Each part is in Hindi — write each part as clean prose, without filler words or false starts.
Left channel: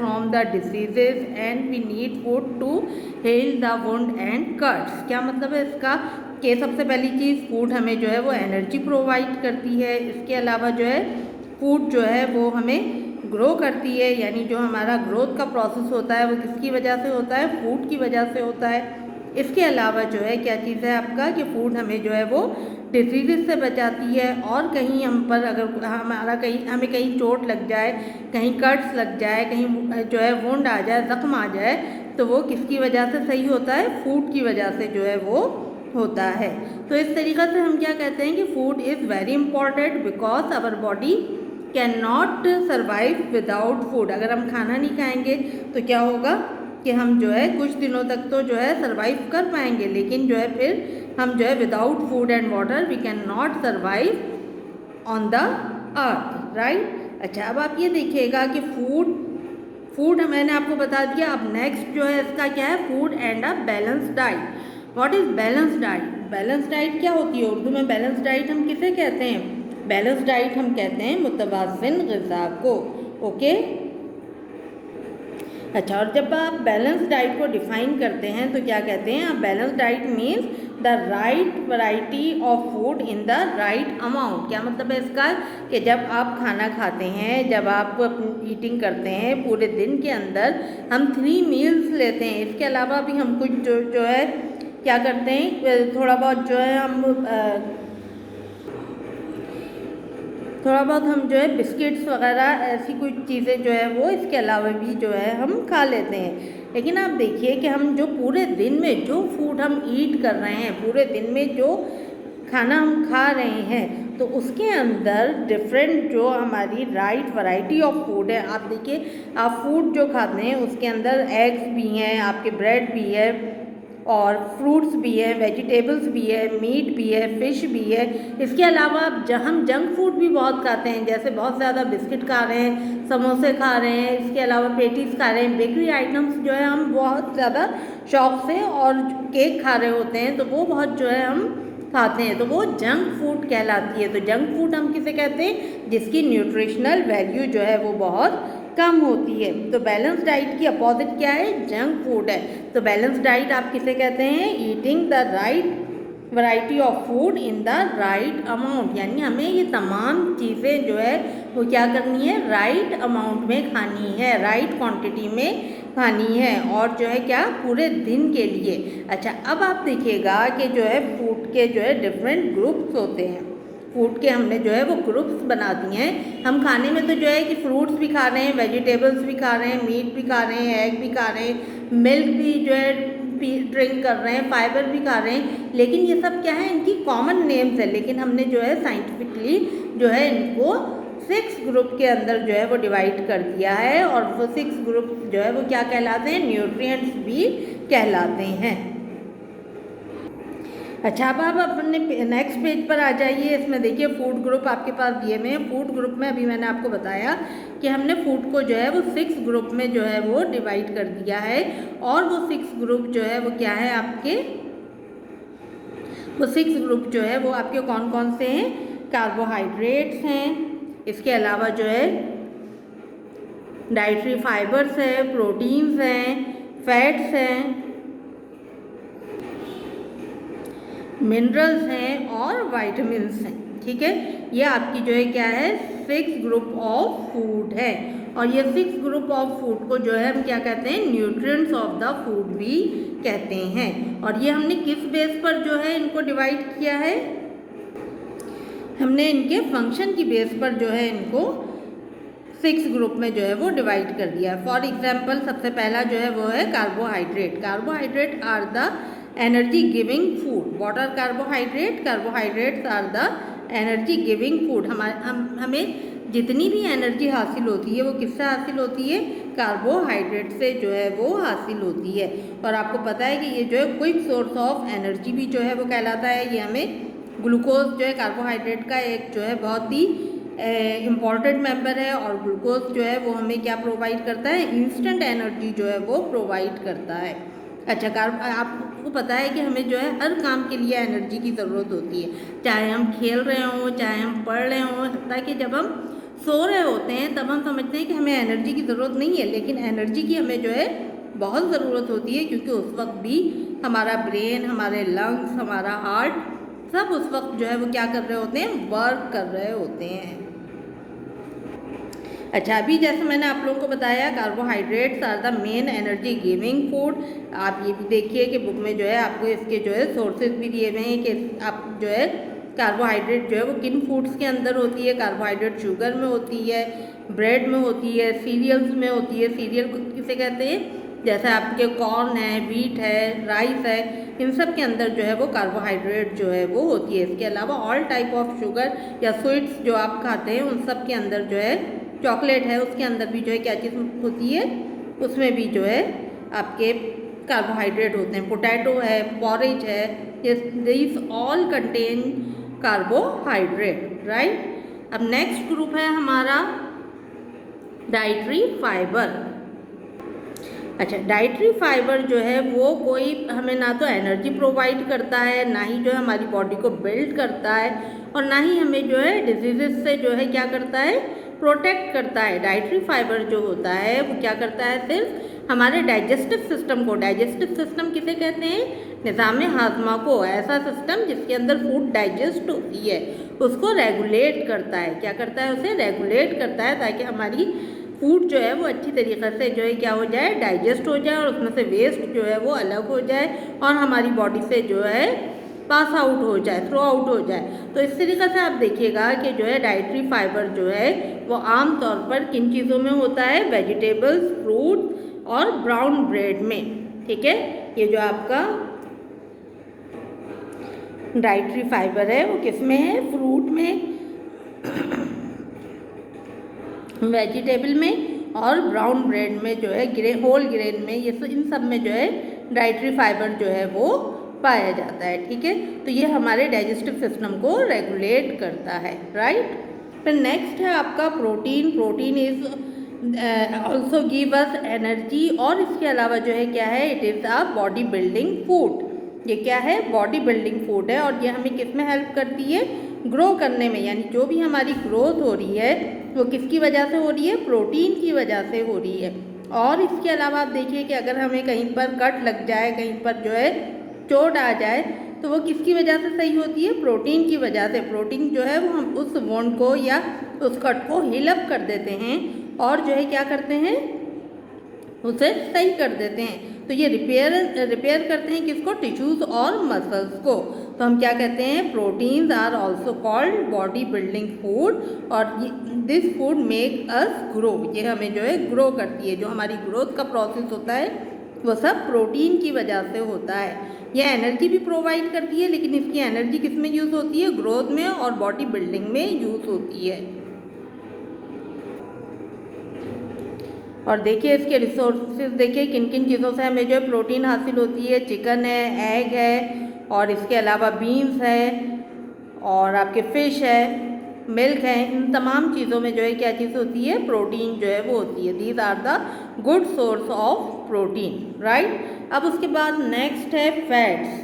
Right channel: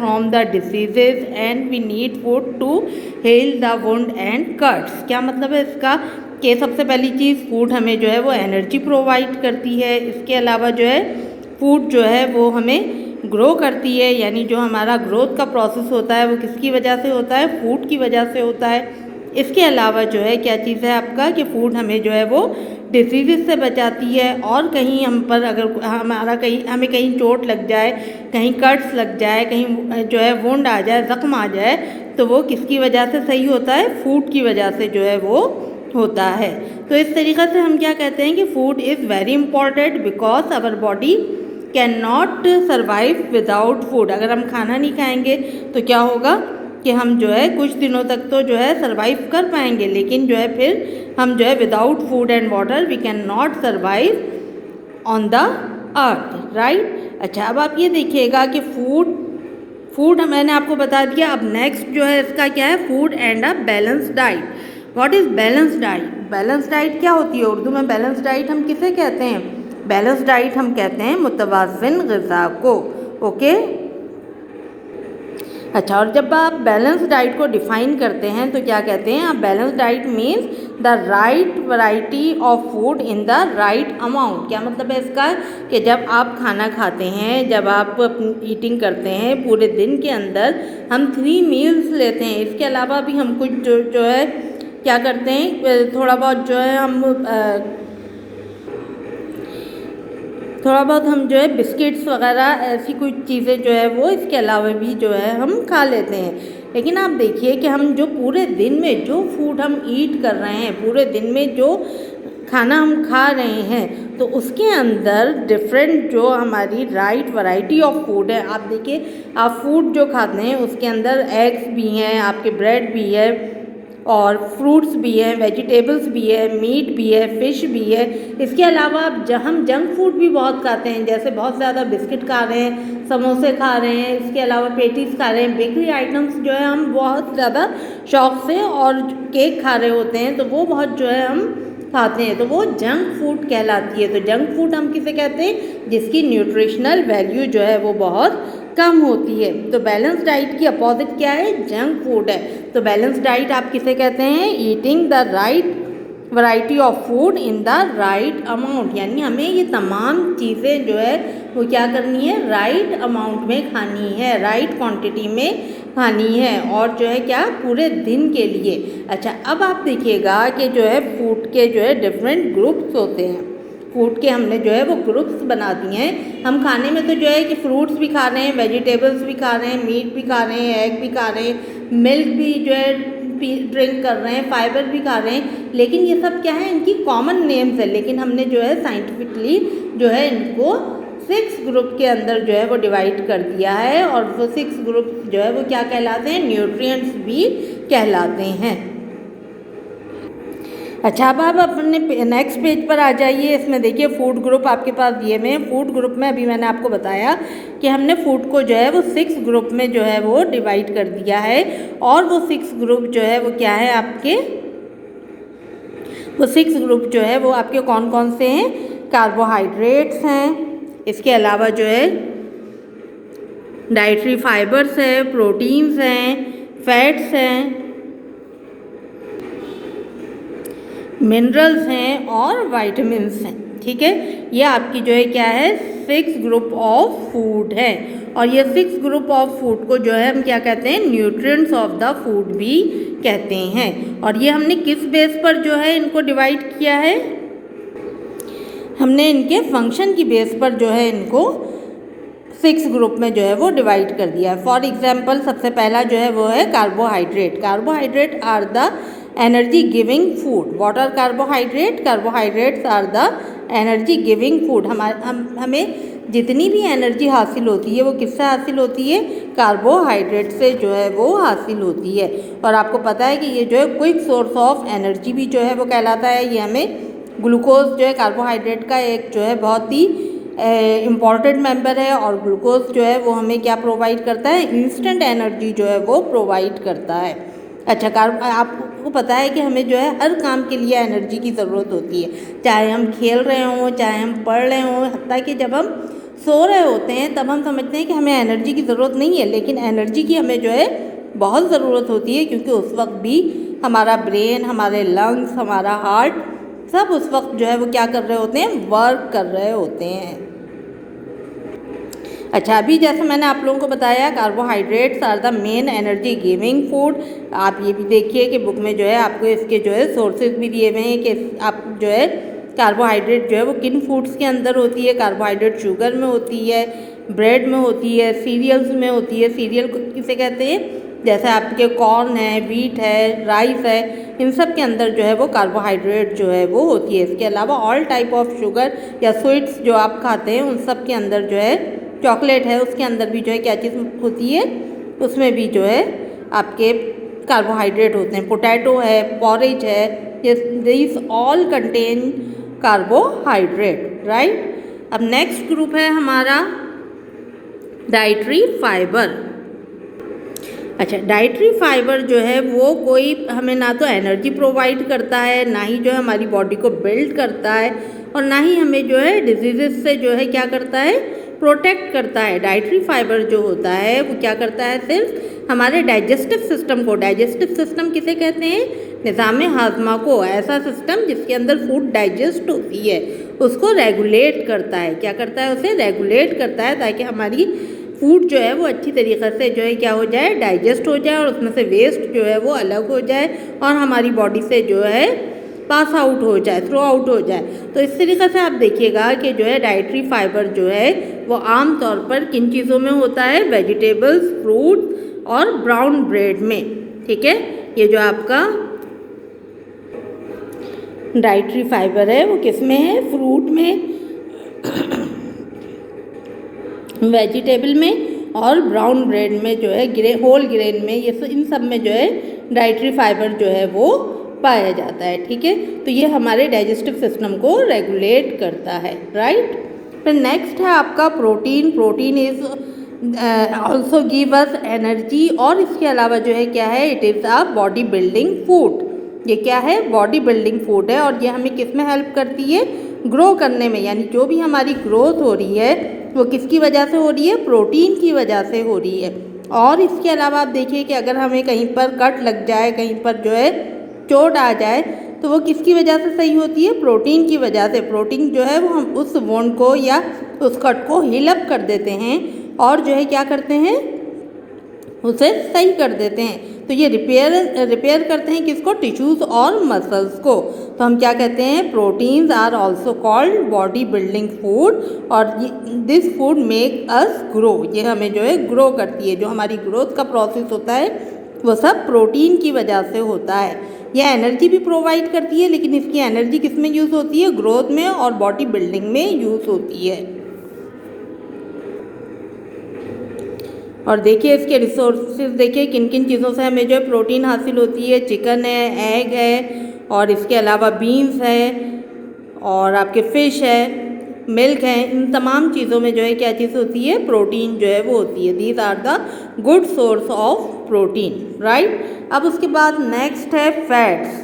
From the diseases and we need food to heal the wound and cuts. क्या मतलब है इसका कि सबसे पहली चीज़ फूड हमें जो है वो एनर्जी प्रोवाइड करती है। इसके अलावा जो है फूड जो है वो हमें ग्रो करती है, यानी जो हमारा ग्रोथ का प्रोसेस होता है वो किसकी वजह से होता है, फूड की वजह से होता है। इसके अलावा जो है क्या चीज़ है आपका कि फूड हमें जो है वो डिजीज़ से बचाती है, और कहीं हम पर अगर हमें कहीं चोट लग जाए, कहीं कट्स लग जाए, कहीं जो है वुंड आ जाए, ज़ख्म आ जाए, तो वो किसकी वजह से सही होता है, फूड की वजह से जो है वो होता है। तो इस तरीक़े से हम क्या कहते हैं कि food is very important because our body can not survive without food. अगर हम खाना नहीं खाएंगे तो क्या होगा कि हम जो है कुछ दिनों तक तो जो है सर्वाइव कर पाएंगे, लेकिन जो है फिर हम जो है without food and water we can not survive on the earth, right. अच्छा, अब आप ये देखिएगा कि फूड मैंने आपको बता दिया। अब नेक्स्ट जो है इसका क्या है, food and a balance diet. What is balance diet? Balance diet क्या होती है? उर्दू में बैलेंस डाइट हम किसे कहते हैं? बैलेंस डाइट हम कहते हैं मुतवाज़िन ग़िज़ा को। ओके, अच्छा, और जब आप बैलेंस डाइट को डिफ़ाइन करते हैं तो क्या कहते हैं आप? Balance diet means the right variety of food in the right amount. क्या मतलब है इसका कि जब आप खाना खाते हैं, जब आप ईटिंग करते हैं, पूरे दिन के अंदर हम 3 मील्स लेते हैं। इसके अलावा भी हम कुछ जो है क्या करते हैं, थोड़ा बहुत जो है हम जो है बिस्किट्स वगैरह ऐसी कुछ चीज़ें जो है वो इसके अलावा भी जो है हम खा लेते हैं। लेकिन आप देखिए कि हम जो पूरे दिन में जो फूड हम ईट कर रहे हैं, पूरे दिन में जो खाना हम खा रहे हैं, तो उसके अंदर डिफरेंट जो हमारी राइट वैरायटी ऑफ फूड है। आप देखिए, आप फूड जो खाते हैं उसके अंदर एग्स भी हैं, आपके ब्रेड भी है, और फ्रूट्स भी है, वेजिटेबल्स भी है, मीट भी है, फ़िश भी है। इसके अलावा हम जंक फूड भी बहुत खाते हैं, जैसे बहुत ज़्यादा बिस्किट खा रहे हैं, समोसे खा रहे हैं, इसके अलावा पेटीज खा रहे हैं, बेकरी आइटम्स जो है हम बहुत ज़्यादा शौक़ से, और केक खा रहे होते हैं, तो वो बहुत जो है हम खाते हैं, तो वो जंक फूड कहलाती है। तो जंक फूड हम किसे कहते हैं? जिसकी न्यूट्रिशनल वैल्यू जो है वो बहुत कम होती है। तो बैलेंस डाइट की अपोजिट क्या है? जंक फूड है। तो बैलेंस डाइट आप किसे कहते हैं? Eating the right variety of food in the right amount, यानी हमें ये तमाम चीज़ें जो है वो क्या करनी है? राइट अमाउंट में खानी है, राइट क्वांटिटी में खानी है, और जो है क्या, पूरे दिन के लिए। अच्छा, अब आप देखिएगा कि जो है फूड के जो है डिफरेंट ग्रुप्स होते हैं। फूड के हमने जो है वो ग्रुप्स बना दिए हैं। हम खाने में तो जो है कि फ्रूट्स भी खा रहे हैं, वेजिटेबल्स भी खा रहे हैं, मीट भी खा रहे हैं, एग भी खा रहे हैं, मिल्क भी जो है ड्रिंक कर रहे हैं, फाइबर भी खा रहे हैं, लेकिन ये सब क्या है? इनकी कॉमन नेम्स है। लेकिन हमने जो है साइंटिफिकली जो है इनको 6 ग्रुप के अंदर जो है वो डिवाइड कर दिया है, और वो 6 ग्रुप जो है वो क्या कहलाते हैं? न्यूट्रिएंट्स भी कहलाते हैं। अच्छा, अब आप अपने नेक्स्ट पेज पर आ जाइए। इसमें देखिए फूड ग्रुप आपके पास दिए हुए हैं। फूड ग्रुप में अभी मैंने आपको बताया कि हमने फूड को जो है वो 6 ग्रुप में जो है वो डिवाइड कर दिया है, और वो 6 ग्रुप जो है वो क्या है आपके? वो 6 ग्रुप जो है वो आपके कौन कौन से हैं? कार्बोहाइड्रेट्स हैं, इसके अलावा जो है डाइटरी फाइबर्स है, प्रोटीन्स हैं, फैट्स हैं, मिनरल्स हैं, और वाइटामिन्स हैं। ठीक है, ये आपकी जो है क्या है? 6 ग्रुप ऑफ फूड है। और ये 6 ग्रुप ऑफ फूड को जो है हम क्या कहते हैं? न्यूट्रिएंट्स ऑफ द फूड भी कहते हैं। और ये हमने किस बेस पर जो है इनको डिवाइड किया है? हमने इनके फंक्शन की बेस पर जो है इनको 6 ग्रुप में जो है वो डिवाइड कर दिया है। फॉर एग्जाम्पल, सबसे पहला जो है वो है carbohydrate. Carbohydrate are the energy giving food. What are carbohydrate? Carbohydrates are the energy giving food. हमें जितनी भी एनर्जी हासिल होती है वो किससे हासिल होती है? कार्बोहाइड्रेट से जो है वो हासिल होती है। और आपको पता है कि ये जो है क्विक सोर्स ऑफ एनर्जी भी जो है वो कहलाता है। ये हमें ग्लूकोज जो है कार्बोहाइड्रेट का एक जो है बहुत ही इम्पॉर्टेंट मेंबर है, और ग्लूकोज जो है वो हमें क्या प्रोवाइड करता है? इंस्टेंट एनर्जी जो है वो प्रोवाइड करता है। अच्छा, आपको पता है कि हमें जो है हर काम के लिए एनर्जी की ज़रूरत होती है, चाहे हम खेल रहे हों, चाहे हम पढ़ रहे हों, हत्ता कि जब हम सो रहे होते हैं तब हम समझते हैं कि हमें एनर्जी की ज़रूरत नहीं है, लेकिन एनर्जी की हमें जो है बहुत ज़रूरत होती है, क्योंकि उस वक्त भी हमारा ब्रेन, हमारे लंग्स, हमारा हार्ट सब उस वक्त जो है वो क्या कर रहे होते हैं, वर्क कर रहे होते हैं। अच्छा, अभी जैसे मैंने आप लोगों को बताया carbohydrates are the main energy giving food. आप ये भी देखिए कि बुक में जो है आपको इसके जो है सोर्सेज भी दिए हुए हैं कि आप जो है कार्बोहाइड्रेट जो है वो किन फूड्स के अंदर होती है। कार्बोहाइड्रेट शुगर में होती है, ब्रेड में होती है, सीरियल्स में होती है। सीरियल को किसे कहते हैं, जैसे आपके कॉर्न है, व्हीट है, राइस है, इन सब के अंदर जो है वो कार्बोहाइड्रेट जो है वो होती है। इसके अलावा ऑल टाइप ऑफ शुगर या स्वीट्स जो आप खाते हैं उन सब के अंदर जो है, चॉकलेट है उसके अंदर भी जो है क्या चीज़ होती है, उसमें भी जो है आपके कार्बोहाइड्रेट होते हैं। पोटैटो है, पॉरेज है, this all contain carbohydrate, right. अब नेक्स्ट ग्रुप है हमारा डाइटरी फाइबर। अच्छा, डाइटरी फाइबर जो है वो कोई हमें ना तो एनर्जी प्रोवाइड करता है, ना ही जो है हमारी बॉडी को बिल्ड करता है, और ना ही हमें जो है डिजीजेस से जो है क्या करता है, प्रोटेक्ट करता है। डाइटरी फाइबर जो होता है वो क्या करता है, सिर्फ हमारे डाइजेस्टिव सिस्टम को, डाइजेस्टिव सिस्टम किसे कहते हैं, निज़ाम हाजमा को, ऐसा सिस्टम जिसके अंदर फूड डाइजेस्ट होती है उसको रेगुलेट करता है। क्या करता है, उसे रेगुलेट करता है, ताकि हमारी फूड जो है वो अच्छी तरीक़े से जो है क्या हो जाए, डाइजेस्ट हो जाए, और उसमें से वेस्ट जो है वो अलग हो जाए और हमारी बॉडी से जो है पास आउट हो जाए, थ्रो आउट हो जाए। तो इस तरीक़े से आप देखिएगा कि जो है डाइटरी फाइबर जो है वो आम तौर पर किन चीज़ों में होता है, वेजिटेबल्स, फ्रूट और ब्राउन ब्रेड में। ठीक है, ये जो आपका डाइटरी फाइबर है वो किस में है, फ्रूट में, वेजिटेबल में और ब्राउन ब्रेड में जो है, होल ग्रेन में, ये इन सब में जो है डाइटरी फाइबर जो है वो पाया जाता है। ठीक है, तो ये हमारे डाइजेस्टिव सिस्टम को रेगुलेट करता है, राइट। फिर नेक्स्ट है आपका protein. Protein is also give us energy, और इसके अलावा जो है क्या है, it is a body building food. ये क्या है, बॉडी बिल्डिंग फूड है, और ये हमें किस में हेल्प करती है, ग्रो करने में। यानी जो भी हमारी ग्रोथ हो रही है वो किसकी वजह से हो रही है, प्रोटीन की वजह से हो रही है। और इसके अलावा आप देखिए कि अगर हमें कहीं पर कट लग जाए, कहीं पर जो है चोट आ जाए, तो वो किसकी वजह से सही होती है, प्रोटीन की वजह से। प्रोटीन जो है वो हम उस वोंड को या उस कट को हील अप कर देते हैं और जो है क्या करते हैं, उसे सही कर देते हैं। तो ये रिपेयर करते हैं किसको, टिश्यूज़ और मसल्स को। तो हम क्या कहते हैं, proteins are also called body building food, और this food make us grow. ये हमें जो है ग्रो करती है, जो हमारी ग्रोथ का प्रोसेस होता है वो सब प्रोटीन की वजह से होता है। यह एनर्जी भी प्रोवाइड करती है, लेकिन इसकी एनर्जी किस में यूज़ होती है, ग्रोथ में और बॉडी बिल्डिंग में यूज़ होती है। और देखिए इसके रिसोर्सेज देखिए किन किन चीज़ों से हमें जो है प्रोटीन हासिल होती है। चिकन है, एग है, और इसके अलावा बीन्स है, और आपके फ़िश है, मिल्क है। इन तमाम चीज़ों में जो है क्या चीज़ होती है, प्रोटीन जो है वो होती है। These are the good source of protein, right. अब उसके बाद नेक्स्ट है fats.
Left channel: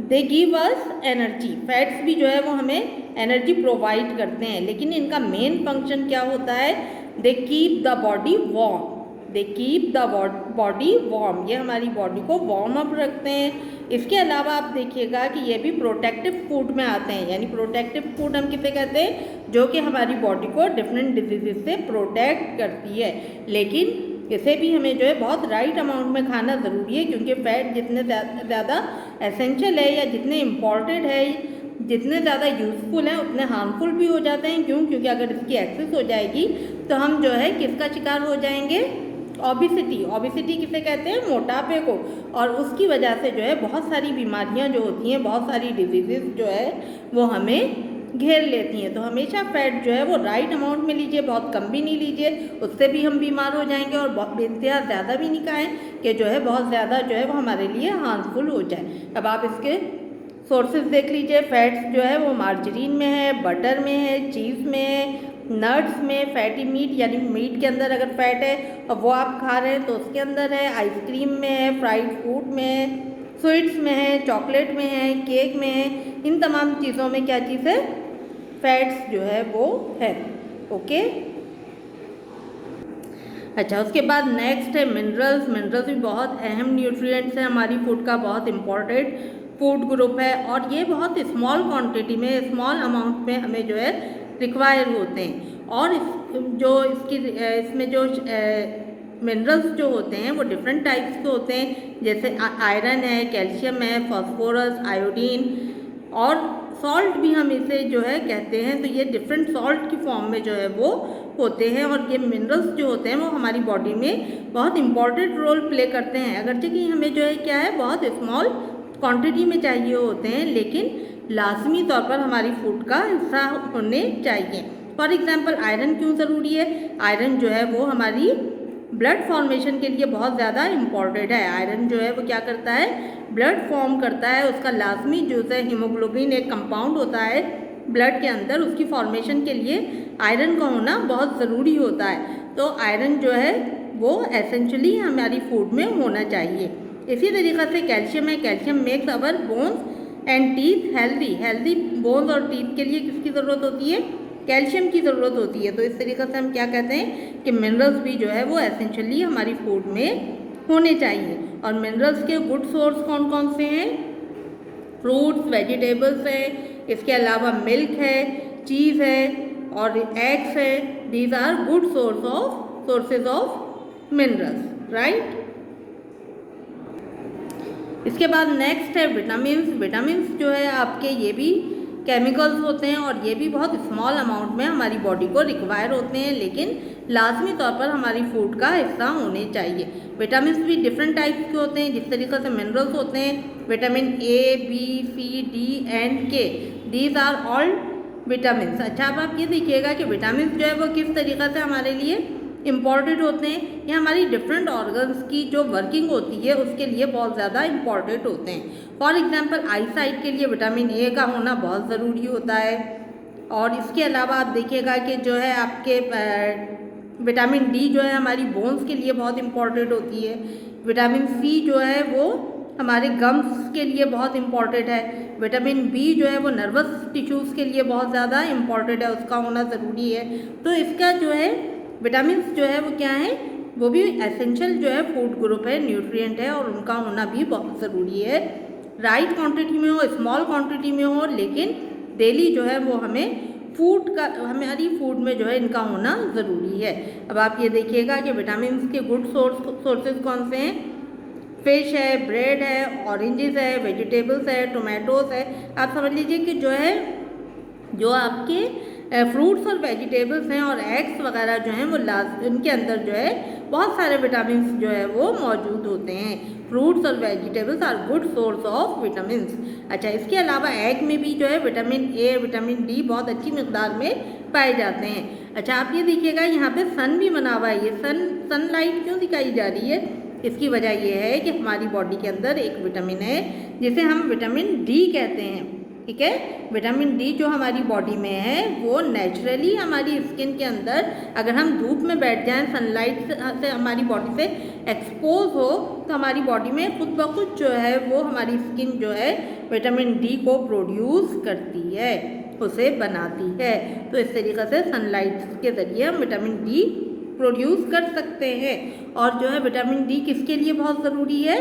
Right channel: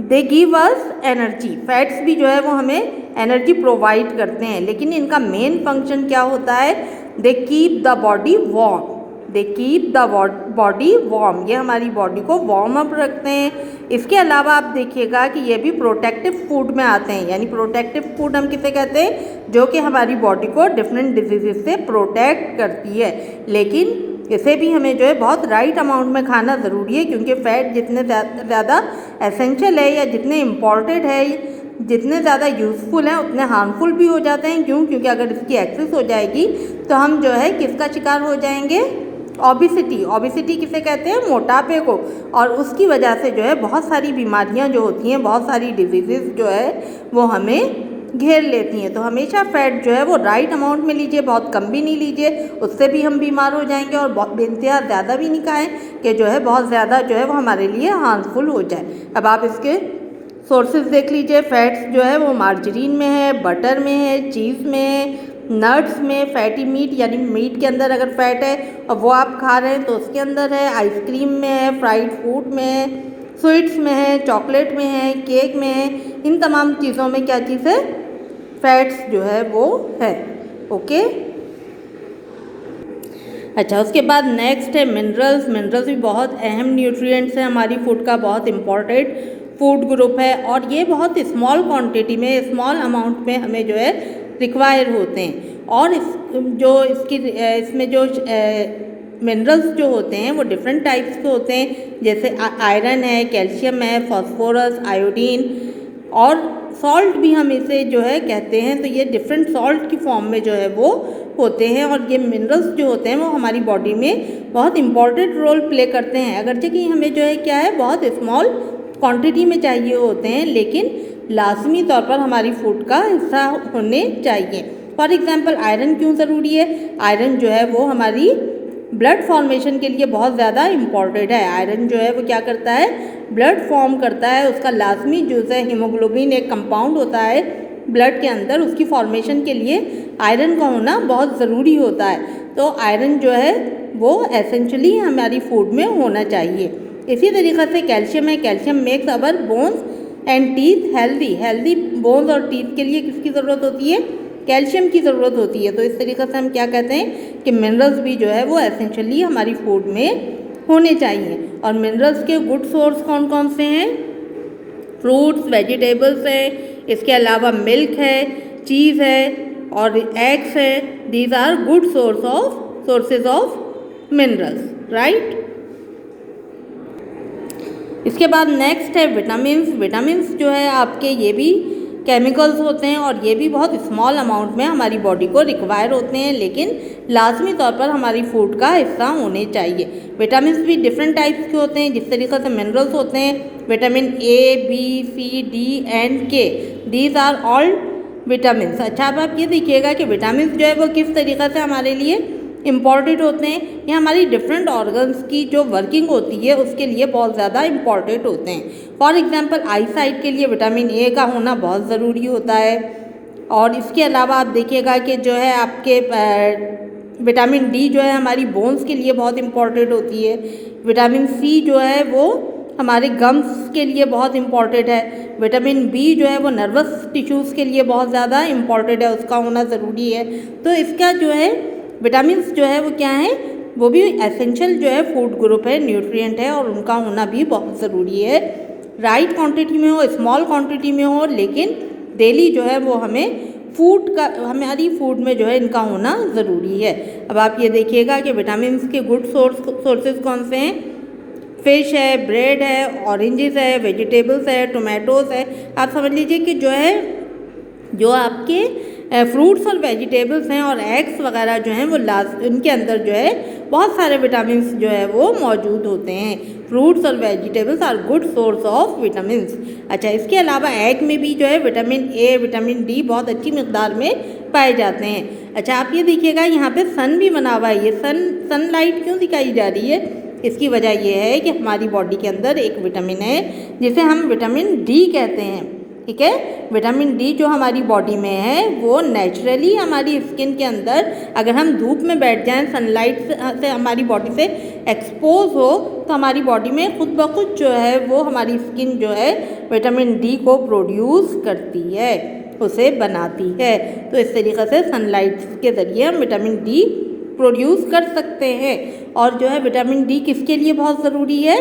They give us energy. Fats भी जो है वो हमें एनर्जी प्रोवाइड करते हैं, लेकिन इनका मेन फंक्शन क्या होता है, they keep the body warm. They keep the body warm, ये हमारी बॉडी को वार्म अप रखते हैं। इसके अलावा आप देखिएगा कि ये भी प्रोटेक्टिव फूड में आते हैं। यानी प्रोटेक्टिव फूड हम किसे कहते हैं, जो कि हमारी बॉडी को डिफरेंट डिजीज़ से प्रोटेक्ट करती है। लेकिन इसे भी हमें जो है बहुत राइट अमाउंट में खाना ज़रूरी है, क्योंकि फ़ैट जितने ज़्यादा एसेंशियल है या जितने इम्पॉर्टेंट है, जितने ज़्यादा यूज़फुल हैं, उतने हार्मफुल भी हो जाते हैं। क्यों, क्योंकि अगर इसकी एक्सेस हो जाएगी तो हम जो है किसका शिकार हो जाएंगे, ओबिसिटी। ओबिसिटी किसे कहते हैं, मोटापे को। और उसकी वजह से जो है बहुत सारी बीमारियां जो होती हैं, बहुत सारी डिजीज़ जो है वो हमें घेर लेती हैं। तो हमेशा फ़ैट जो है वो राइट अमाउंट में लीजिए, बहुत कम भी नहीं लीजिए, उससे भी हम बीमार हो जाएंगे। और बहुत बेइंतहा ज़्यादा भी नहीं खाएँ कि जो है बहुत ज़्यादा जो है वो हमारे लिए हार्मफुल हो जाए। अब आप इसके सोर्सेज देख लीजिए। फैट्स जो है वो मार्जरीन में है, बटर में है, चीज़ में है, नट्स में, फैटी मीट यानी मीट के अंदर अगर फैट है और वो आप खा रहे हैं तो उसके अंदर है, आइसक्रीम में है, फ्राइड फूड में है, स्वीट्स में है, चॉकलेट में है, केक में है। इन तमाम चीज़ों में क्या चीज़ है, फैट्स जो है वो है। ओके। अच्छा, उसके बाद नेक्स्ट है मिनरल्स। मिनरल्स भी बहुत अहम न्यूट्रिएंट्स हैं हमारी फूड का, बहुत इम्पॉर्टेंट फूड ग्रुप है और ये बहुत स्मॉल क्वांटिटी में, स्मॉल अमाउंट में हमें जो है रिक्वायर होते हैं। और इसमें जो मिनरल्स जो होते हैं वो डिफरेंट टाइप्स के होते हैं, जैसे आयरन है, कैल्शियम है, फास्फोरस, आयोडीन और सॉल्ट भी हम इसे जो है कहते हैं। तो ये डिफरेंट सॉल्ट की फॉर्म में जो है वो होते हैं और ये मिनरल्स जो होते हैं वो हमारी बॉडी में बहुत इंपॉर्टेंट रोल प्ले करते हैं। अगरचे कि हमें जो है क्या है बहुत स्मॉल क्वांटिटी में चाहिए होते हैं, लेकिन लाजमी तौर पर हमारी फूड का हिस्सा होने चाहिए। फॉर एग्जांपल आयरन क्यों ज़रूरी है? आयरन जो है वो हमारी ब्लड फॉर्मेशन के लिए बहुत ज़्यादा इम्पॉर्टेंट है। आयरन जो है वो क्या करता है? ब्लड फॉर्म करता है। उसका लाजमी जो है हीमोग्लोबिन एक कंपाउंड होता है ब्लड के अंदर, उसकी फॉर्मेशन के लिए आयरन का होना बहुत ज़रूरी होता है। तो आयरन जो है वो एसेंशियली हमारी फूड में होना चाहिए। इसी तरीक़े से कैल्शियम है। Calcium makes our bones and teeth healthy. Healthy bones और टीथ के लिए किसकी ज़रूरत होती है? कैल्शियम की ज़रूरत होती है। तो इस तरीक़े से हम क्या कहते हैं कि मिनरल्स भी जो है वो एसेंशियली हमारी फूड में होने चाहिए। और मिनरल्स के गुड सोर्स कौन कौन से हैं? फ्रूट्स, वेजिटेबल्स हैं, इसके अलावा मिल्क है, चीज़ है और एग्स है। These are good sources of minerals, right. इसके बाद नेक्स्ट है विटामिन्स। विटामिन्स जो है आपके ये भी केमिकल्स होते हैं और ये भी बहुत स्मॉल अमाउंट में हमारी बॉडी को रिक्वायर होते हैं, लेकिन लाजमी तौर पर हमारी फूड का हिस्सा होने चाहिए। विटामिन्स भी डिफरेंट टाइप्स के होते हैं। जिस तरीके से मिनरल्स होते हैं vitamin A, B, C, D and K, these are all vitamins. अच्छा, अब आप ये देखिएगा कि विटामिन्स जो है वो किस तरीके से हमारे लिए इम्पॉर्टेंट होते हैं। ये हमारी डिफरेंट ऑर्गन्स की जो वर्किंग होती है उसके लिए बहुत ज़्यादा इम्पॉर्टेंट होते हैं। फॉर एग्जांपल आई साइट के लिए विटामिन ए का होना बहुत ज़रूरी होता है। और इसके अलावा आप देखिएगा कि जो है आपके विटामिन डी जो है हमारी बोन्स के लिए बहुत इम्पॉर्टेंट होती है। विटामिन सी जो है वो हमारे गम्स के लिए बहुत इम्पॉर्टेंट है। विटामिन बी जो है वो नर्वस टिश्यूज़ के लिए बहुत ज़्यादा इम्पॉर्टेंट है, उसका होना ज़रूरी है। तो इसका जो है विटामिन्स जो है वो क्या है, वो भी एसेंशियल जो है फूड ग्रुप है, न्यूट्रिएंट है और उनका होना भी बहुत ज़रूरी है। राइट क्वांटिटी में हो, स्मॉल क्वांटिटी में हो, लेकिन डेली जो है वो हमारी फूड में जो है इनका होना ज़रूरी है। अब आप ये देखिएगा कि विटामिन्स के गुड सोर्सेज कौन से हैं? फिश है, ब्रेड है, ऑरेंजेस है, वेजिटेबल्स है, टोमेटोज़ है। आप समझ लीजिए कि जो आपके फ्रूट्स और वेजिटेबल्स हैं और एग्स वगैरह जो हैं वो उनके अंदर जो है बहुत सारे विटामिन्स जो है वो मौजूद होते हैं। फ्रूट्स और vegetables are good source of vitamins. अच्छा, इसके अलावा एग में भी जो है विटामिन ए, विटामिन डी बहुत अच्छी मिकदार में पाए जाते हैं। अच्छा, आप ये देखिएगा यहाँ पे सन भी बना हुआ है। ये सनलाइट क्यों दिखाई जा रही है? इसकी वजह यह है कि हमारी बॉडी के अंदर एक विटामिन है जिसे हम विटामिन डी कहते हैं। ठीक है, विटामिन डी जो हमारी बॉडी में है वो नेचुरली हमारी स्किन के अंदर, अगर हम धूप में बैठ जाएं, सनलाइट से हमारी बॉडी से एक्सपोज हो, तो हमारी बॉडी में खुद ब खुद जो है वो हमारी स्किन जो है विटामिन डी को प्रोड्यूस करती है, उसे बनाती है। तो इस तरीक़े से सनलाइट के ज़रिए हम विटामिन डी प्रोड्यूस कर सकते हैं। और जो है विटामिन डी किसके लिए बहुत ज़रूरी है?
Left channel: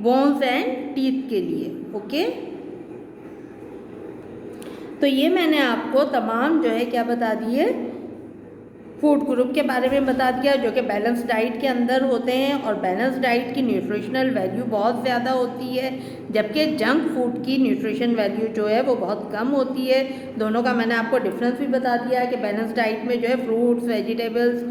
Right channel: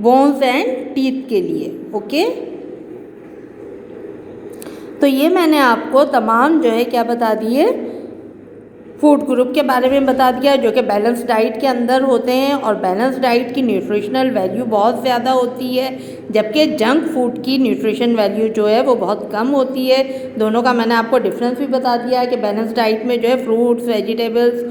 बोन्स एंड टीथ के लिए। ओके, तो ये मैंने आपको तमाम जो है क्या बता दिए, फूड ग्रुप के बारे में बता दिया जो कि बैलेंस डाइट के अंदर होते हैं। और बैलेंस डाइट की न्यूट्रिशनल वैल्यू बहुत ज़्यादा होती है, जबकि जंक फूड की न्यूट्रिशन वैल्यू जो है वो बहुत कम होती है। दोनों का मैंने आपको डिफरेंस भी बता दिया कि बैलेंस डाइट में जो है fruits, vegetables,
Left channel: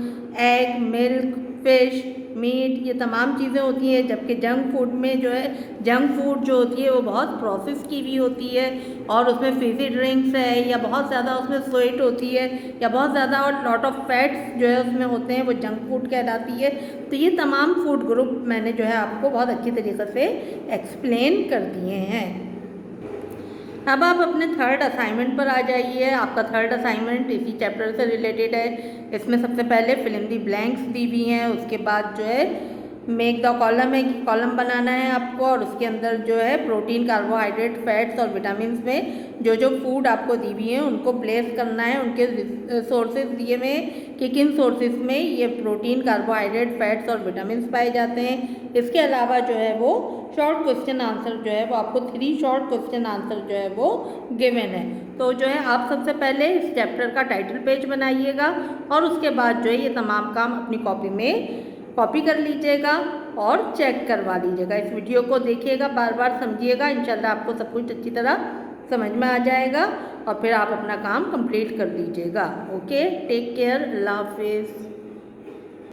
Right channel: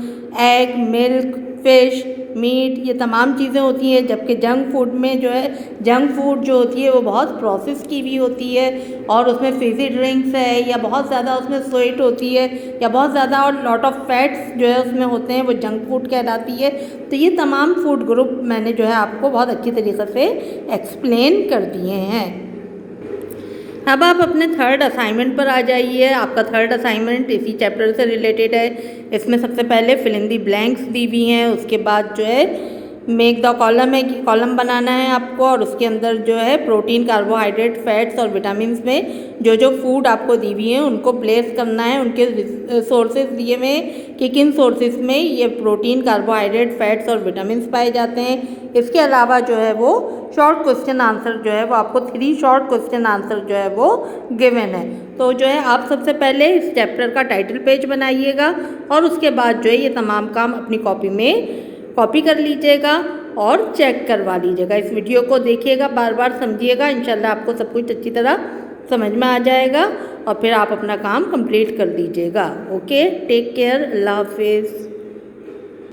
egg, milk, fish, meat, ये तमाम चीज़ें होती हैं, जबकि जंक फूड में जो है जंक फूड जो होती है वो बहुत प्रोसेस की भी होती है और उसमें फिजी ड्रिंक्स है या बहुत ज़्यादा उसमें स्वीट होती है या बहुत ज़्यादा और लॉट ऑफ फैट्स जो है उसमें होते हैं, वो जंक फूड कहलाती है। तो ये तमाम फूड ग्रुप मैंने जो है आपको बहुत अच्छी तरीक़े से एक्सप्लेन कर दिए हैं। अब आप अपने थर्ड असाइनमेंट पर आ जाइए। आपका थर्ड असाइनमेंट इसी चैप्टर से रिलेटेड है। इसमें सबसे पहले फिल इन दी ब्लैंक्स दी हुई हैं, उसके बाद जो है मेक द कॉलम है कि कॉलम बनाना है आपको, और उसके अंदर जो है प्रोटीन, कार्बोहाइड्रेट, फैट्स और विटामिन्स में जो जो फूड आपको दी हुई हैं उनको प्लेस करना है, उनके सोर्सेज दिए हुए हैं कि किन सोर्सेज में ये प्रोटीन, कार्बोहाइड्रेट, फैट्स और विटामिन्स पाए जाते हैं। इसके अलावा जो है वो शॉर्ट क्वेश्चन आंसर जो है वो आपको 3 शॉर्ट क्वेश्चन आंसर जो है वो गिवन है। तो जो है आप सबसे पहले इस चैप्टर का टाइटल पेज बनाइएगा और उसके बाद जो है ये तमाम काम अपनी कॉपी में कॉपी कर लीजिएगा और चेक करवा लीजिएगा। इस वीडियो को देखिएगा, बार बार समझिएगा, इंशाल्लाह आपको सब कुछ अच्छी तरह समझ में आ जाएगा और फिर आप अपना काम कंप्लीट कर लीजिएगा। ओके, टेक केयर, अल्लाह हाफिज़।